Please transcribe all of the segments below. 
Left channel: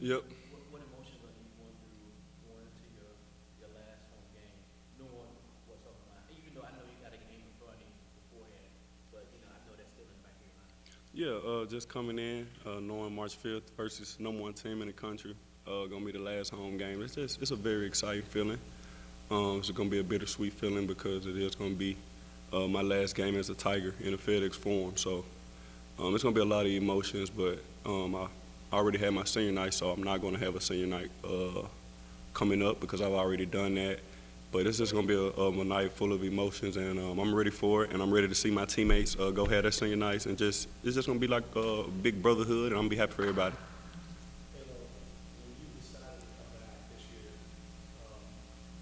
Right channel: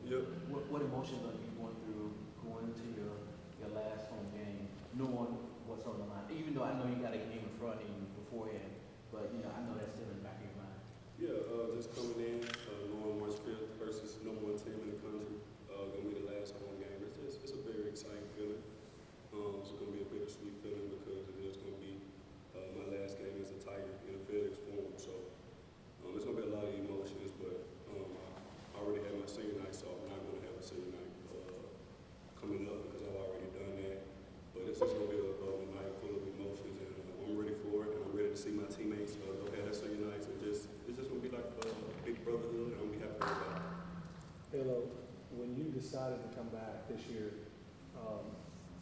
Yep. What emotions are you going through going into your last home game, knowing what's on the line? Even though I know you got a game in front of you beforehand, but I know that's still in the back of your mind. Yeah, just coming in, knowing March 5th versus #1 team in the country, gonna be the last home game. It's a very exciting feeling. It's gonna be a bittersweet feeling because it is gonna be my last game as a Tiger in a FedEx Forum. So it's gonna be a lot of emotions, but I already had my senior night, so I'm not gonna have a senior night coming up because I've already done that. But it's just gonna be a night full of emotions, and I'm ready for it, and I'm ready to see my teammates go have their senior nights, and it's just gonna be like a big brotherhood, and I'm gonna be happy for everybody. When you decided to come back this year,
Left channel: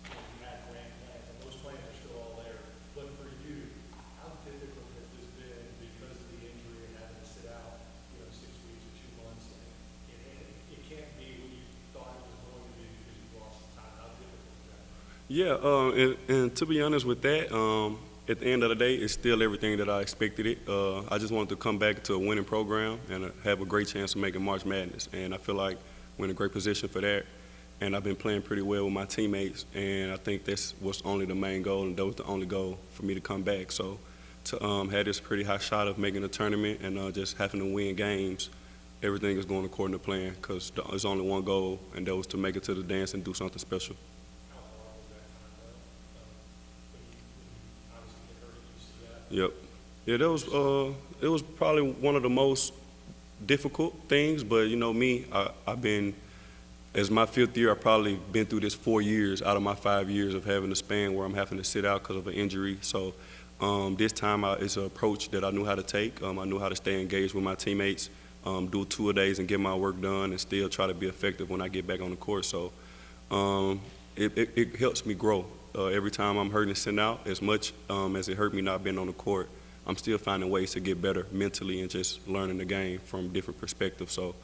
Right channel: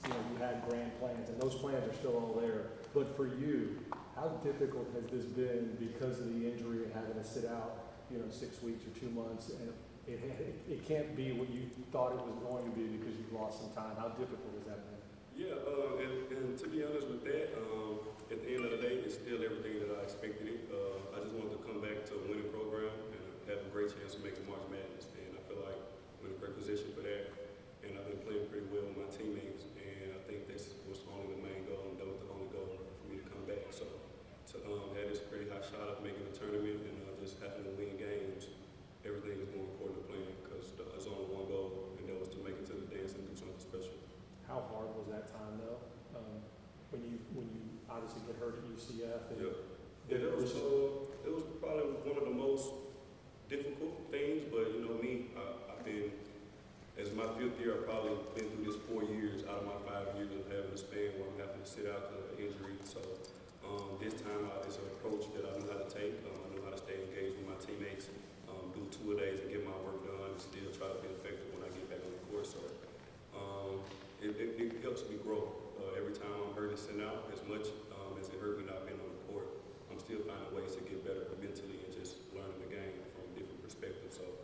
you had grand plans, and those plans are still all there. But for you, how difficult has this been because of the injury and having to sit out, 6 weeks or 2 months, and it can't be what you thought it was going to be because you've lost some time. How difficult has that been? Yeah, and to be honest with that, at the end of the day, it's still everything that I expected it. I just wanted to come back to a winning program and have a great chance of making March Madness, and I feel like we're in a great position for that. And I've been playing pretty well with my teammates, and I think that's what's only the main goal, and that was the only goal for me to come back. So to have this pretty high shot of making a tournament and just having to win games, everything is going according to plan because there's only one goal, and that was to make it to the dance and do something special. How hard was that time though? When you obviously get hurt at UCF? Yep. Yeah, that was it was probably one of the most difficult things, but me, I've been as my 5th year, I've probably been through this 4 years out of my 5 years of having a span where I'm having to sit out because of an injury. So this time it's an approach that I knew how to take. I knew how to stay engaged with my teammates, do 2-a-days and get my work done, and still try to be effective when I get back on the court. So it helps me grow. Every time I'm hurting and sitting out, as much as it hurt me not being on the court, I'm still finding ways to get better mentally and just learning the game from different perspectives. So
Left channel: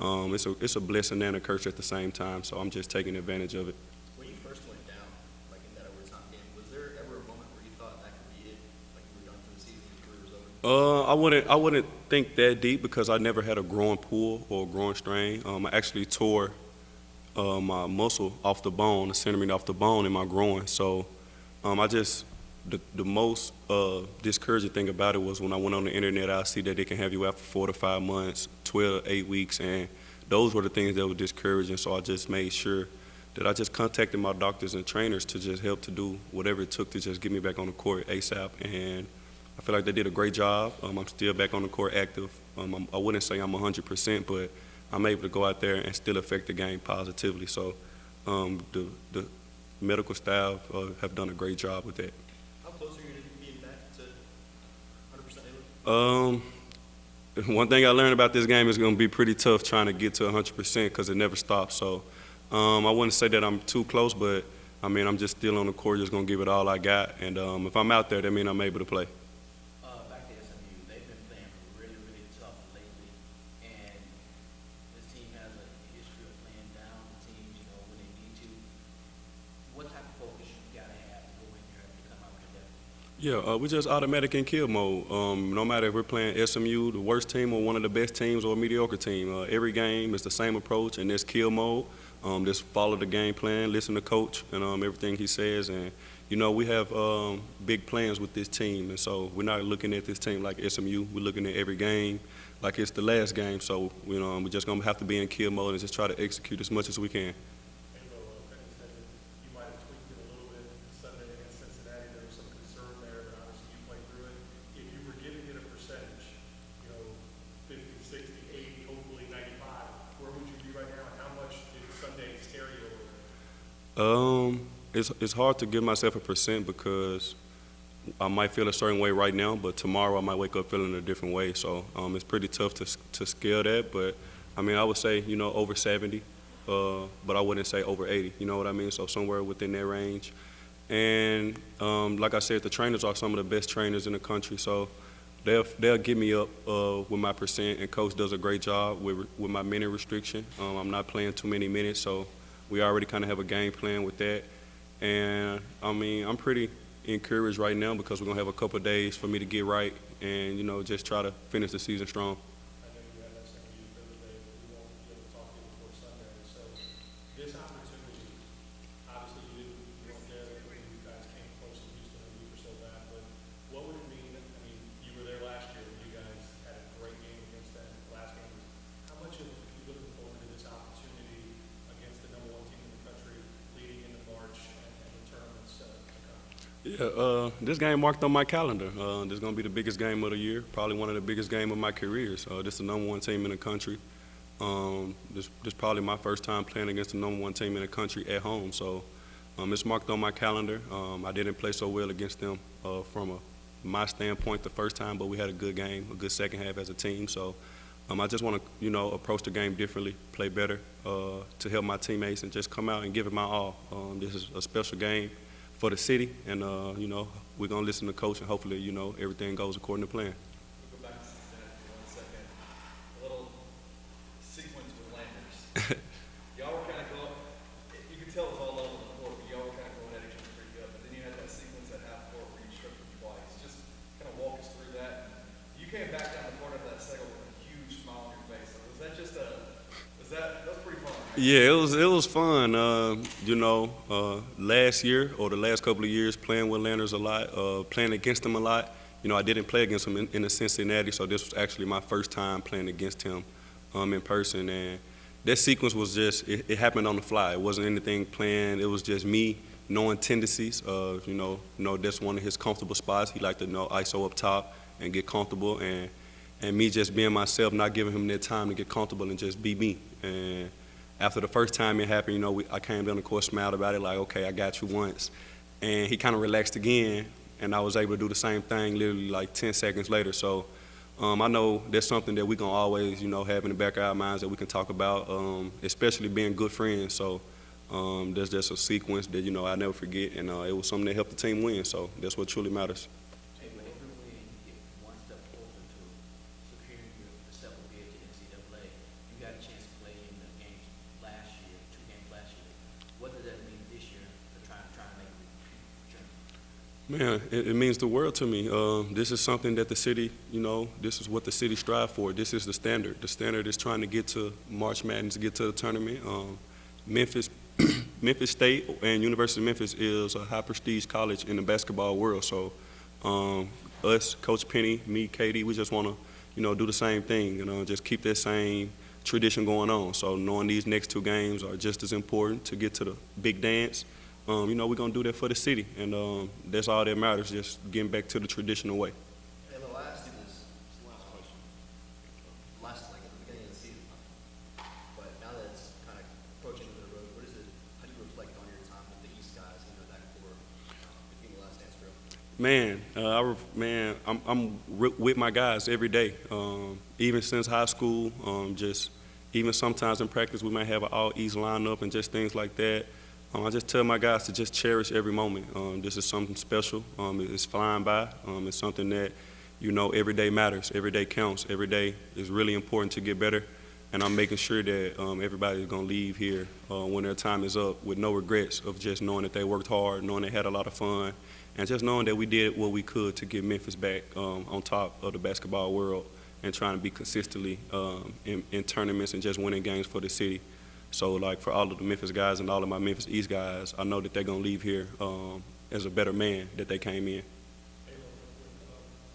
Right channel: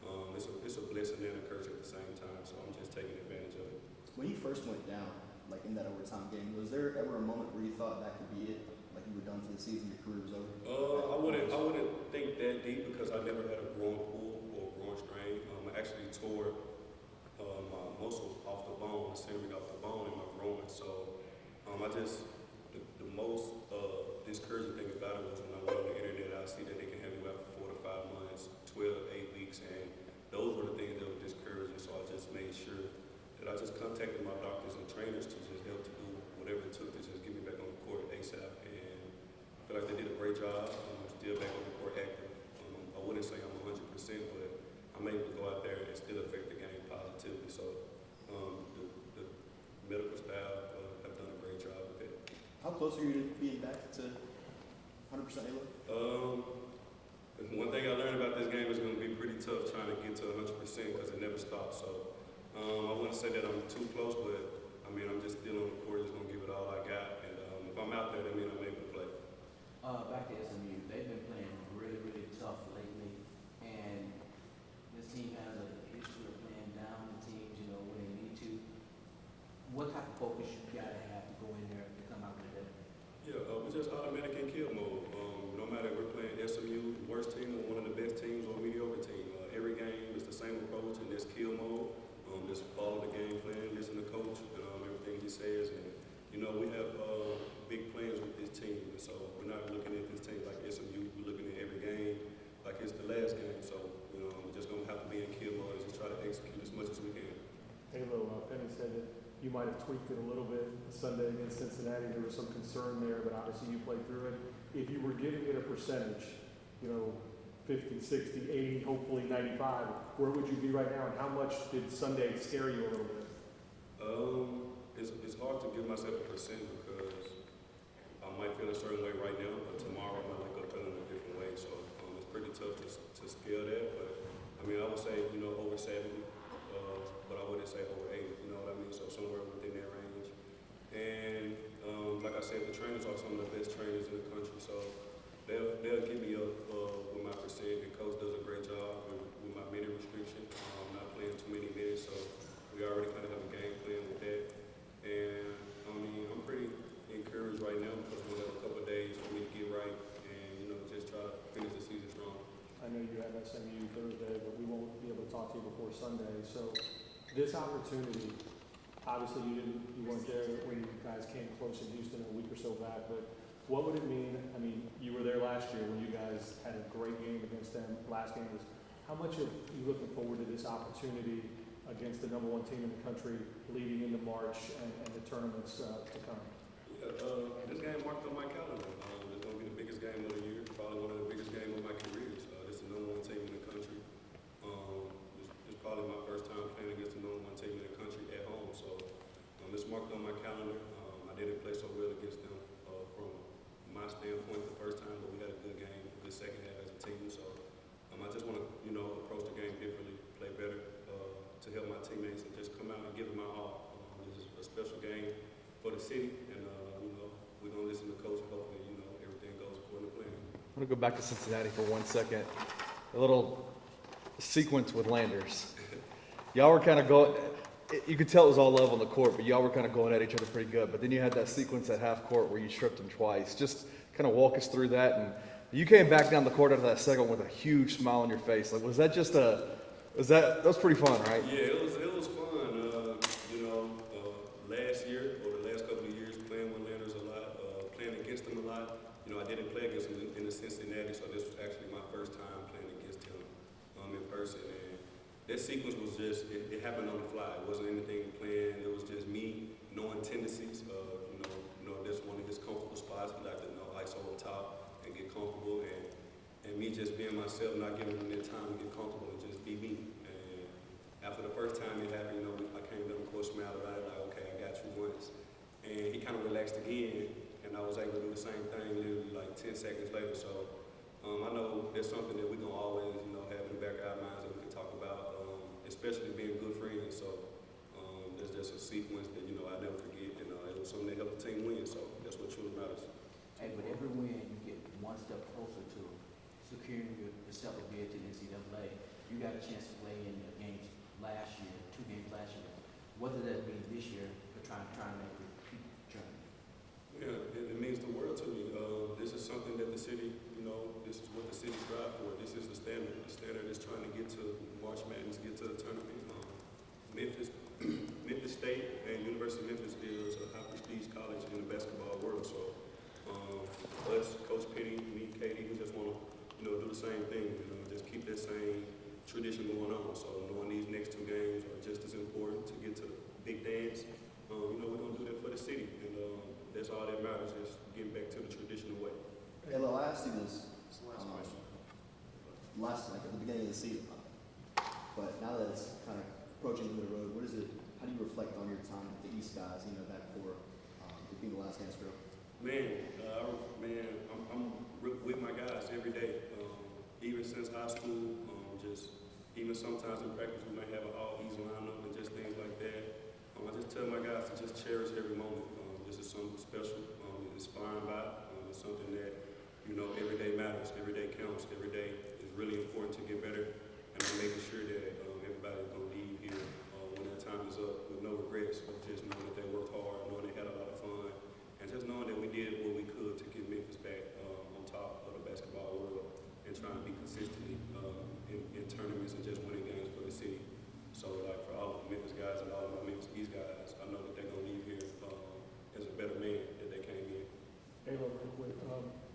it's a blessing and a curse at the same time. So I'm just taking advantage of it. When you first went down, like in that overtime game, was there ever a moment where you thought that could be it? Like you were done for the season, your career was over? I wouldn't think that deep because I never had a growing pull or a growing strain. I actually tore my muscle off the bone, the centimeter off the bone in my groin. So the most discouraging thing about it was when I went on the internet, I see that they can have you out for 4 to 5 months, 12, 8 weeks, and those were the things that were discouraging. So I just made sure that I just contacted my doctors and trainers to just help to do whatever it took to just get me back on the court ASAP. And I feel like they did a great job. I'm still back on the court active. I wouldn't say I'm 100%, but I'm able to go out there and still affect the game positively. So the medical staff have done a great job with that. How close are you to being back to 100% able? One thing I learned about this game is going to be pretty tough trying to get to 100% because it never stops. So I wouldn't say that I'm too close, but I'm just still on the court, just going to give it all I got. And if I'm out there, that means I'm able to play. Back to SMU, they've been playing really, really tough lately, and this team has a history of playing down the teams, when they need to. What type of focus you gotta have to go in there and come out with them? Yeah, we're just automatic in kill mode. No matter if we're playing SMU, the worst team, or one of the best teams, or a mediocre team, every game is the same approach, and that's kill mode. Just follow the game plan, listen to coach and everything he says. And, we have big plans with this team. And so we're not looking at this team like SMU. We're looking at every game like it's the last game. So, we're just going to have to be in kill mode and just try to execute as much as we can. Halo, Penny said that you might have tweaked it a little bit Sunday against Cincinnati. There was some concern there, but obviously you played through it. If you were giving it a percentage, 50, 60, 80, hopefully 95, where would you be right now, and how much did Sunday scare you a little bit? It's hard to give myself a percent because I might feel a certain way right now, but tomorrow I might wake up feeling a different way. So it's pretty tough to scale that. But I would say over 70, but I wouldn't say over 80. You know what I mean? So somewhere within that range. And like I said, the trainers are some of the best trainers in the country. So they'll get me up with my percent, and coach does a great job with my minute restriction. I'm not playing too many minutes, so we already kind of have a game plan with that. And I'm pretty encouraged right now because we're gonna have a couple of days for me to get right and just try to finish the season strong. I know you have SMU Thursday, but we won't be able to talk to you before Sunday. This opportunity, obviously you weren't there when you guys came close in Houston a week or so back, but what would it mean? I mean, you were there last year when you guys had a great game against them. Last game was, how much are you looking forward to this opportunity against the #1 team in the country leading into March and the tournaments to come? Yeah, this game marked on my calendar. This is going to be the biggest game of the year, probably one of the biggest games of my careers. This is the #1 team in the country. This probably my first time playing against the #1 team in the country at home. So it's marked on my calendar. I didn't play so well against them from my standpoint the first time, but we had a good game, a good second half as a team. So I just want to, approach the game differently, play better to help my teammates and just come out and give it my all. This is a special game for the city, and, we're going to listen to coach, and hopefully, everything goes according to plan. I'm going to go back to Cincinnati for 1 second. A little sequence with Landers. Y'all were kind of going, you could tell it was all love on the court, but y'all were kind of going at each other pretty good. But then you had that sequence at half court where you tripped him twice. Just kind of walk us through that. And you came back down the court after that second with a huge smile on your face. Like, was that just that was pretty fun, right? Yeah, it was fun. Last year or the last couple of years playing with Landers a lot, playing against him a lot. I didn't play against him in Cincinnati, so this was actually my first time playing against him in person. And that sequence was just, it happened on the fly. It wasn't anything planned. It was just me knowing tendencies of, that's one of his comfortable spots. He liked to ISO up top and get comfortable, and me just being myself, not giving him that time to get comfortable and just be me. And after the first time it happened, I came down the court, smiled about it, like, okay, I got you once. And he kind of relaxed again, and I was able to do the same thing literally like 10 seconds later. So I know that's something that we're going to always, have in the back of our minds that we can talk about, especially being good friends. So there's just a sequence that, I'll never forget, and it was something that helped the team win. So that's what truly matters. Hey, with every win, you get one step closer to securing yourself a bid to NCAA. You got a chance to play in the games last year, 2 games last year. What does that mean this year to try and make a repeat journey? Man, it means the world to me. This is something that the city, this is what the city strive for. This is the standard. The standard is trying to get to March Madness, get to the tournament. Memphis State and University of Memphis is a high prestige college in the basketball world. So us, Coach Penny, me, Katie, we just want to, do the same thing, just keep that same tradition going on. So knowing these next 2 games are just as important to get to the big dance. We're going to do that for the city, and that's all that matters, just getting back to the traditional way. And the last thing is, last question. Like at the beginning of the season, but now that it's kind of approaching the road, how do you reflect on your time with the East guys, that core, being the last dance drill? I'm with my guys every day, even since high school, even sometimes in practice we might have an all-East lineup and just things like that. I just tell my guys to just cherish every moment. This is something special. It's flying by. It's something that, every day matters. Every day counts. Every day is really important to get better. And I'm making sure that everybody's going to leave here when their time is up with no regrets of just knowing that they worked hard, knowing they had a lot of fun, and just knowing that we did what we could to get Memphis back on top of the basketball world and trying to be consistently in tournaments and just winning games for the city. So, like, for all of the Memphis guys and all of my Memphis East guys, I know that they're going to leave here as a better man that they came in. Hey, real quick,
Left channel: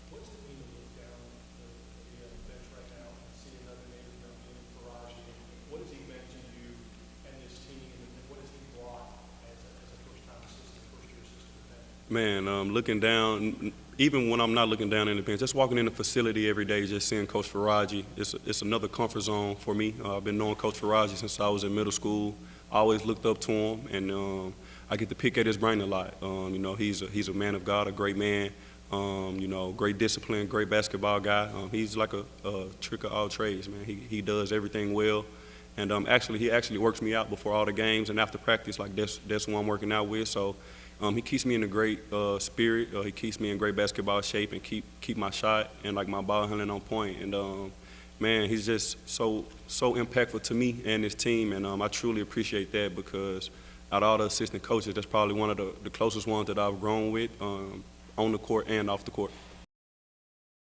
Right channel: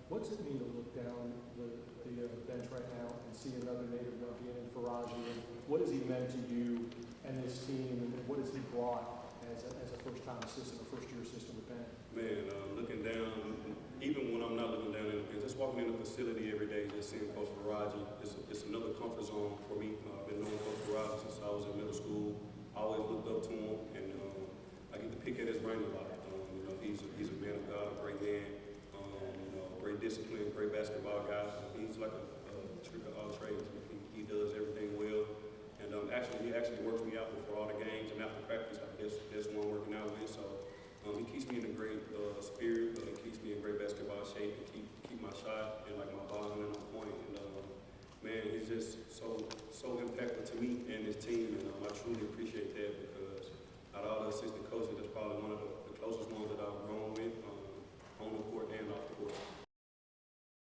what's it mean to look down the bench right now and see another native Numbian in Faraji? What has he meant to you and this team, and what has he brought as a first-time assistant, a first-year assistant with them? Man, looking down, even when I'm not looking down in the bench, just walking in the facility every day, just seeing Coach Faraji, it's another comfort zone for me. I've been knowing Coach Faraji since I was in middle school. I always looked up to him, and I get to pick at his brain a lot. He's a man of God, a great man, great discipline, great basketball guy. He's like a trick of all trades, man. He does everything well. And he actually works me out before all the games and after practice. Like that's who I'm working out with. So he keeps me in a great spirit. He keeps me in great basketball shape and keep my shot and like my ball handling on point. And man, he's just so impactful to me and his team. And I truly appreciate that because out of all the assistant coaches, that's probably one of the closest ones that I've grown with on the court and off the court.